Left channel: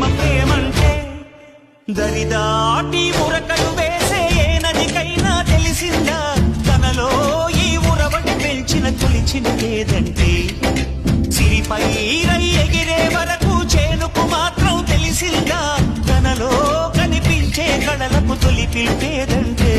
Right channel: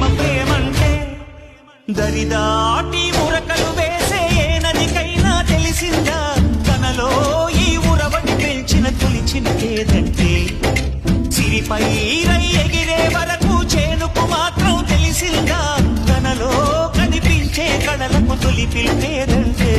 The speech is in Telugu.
ప్రేమ ప్రేమంటే దరిదాటి ఉరకలు వేసే ఏ నదికైనా తెలిసిందా తనలో ఈ ఉరవడి పెంచిన తొలి చినుకేదంటే సిరిపై రై ఎగిరే వరకు చేనుకు మాత్రం తెలిసిందా తనలో కనిపించే కళలకు తొలి పిలిపేదంటే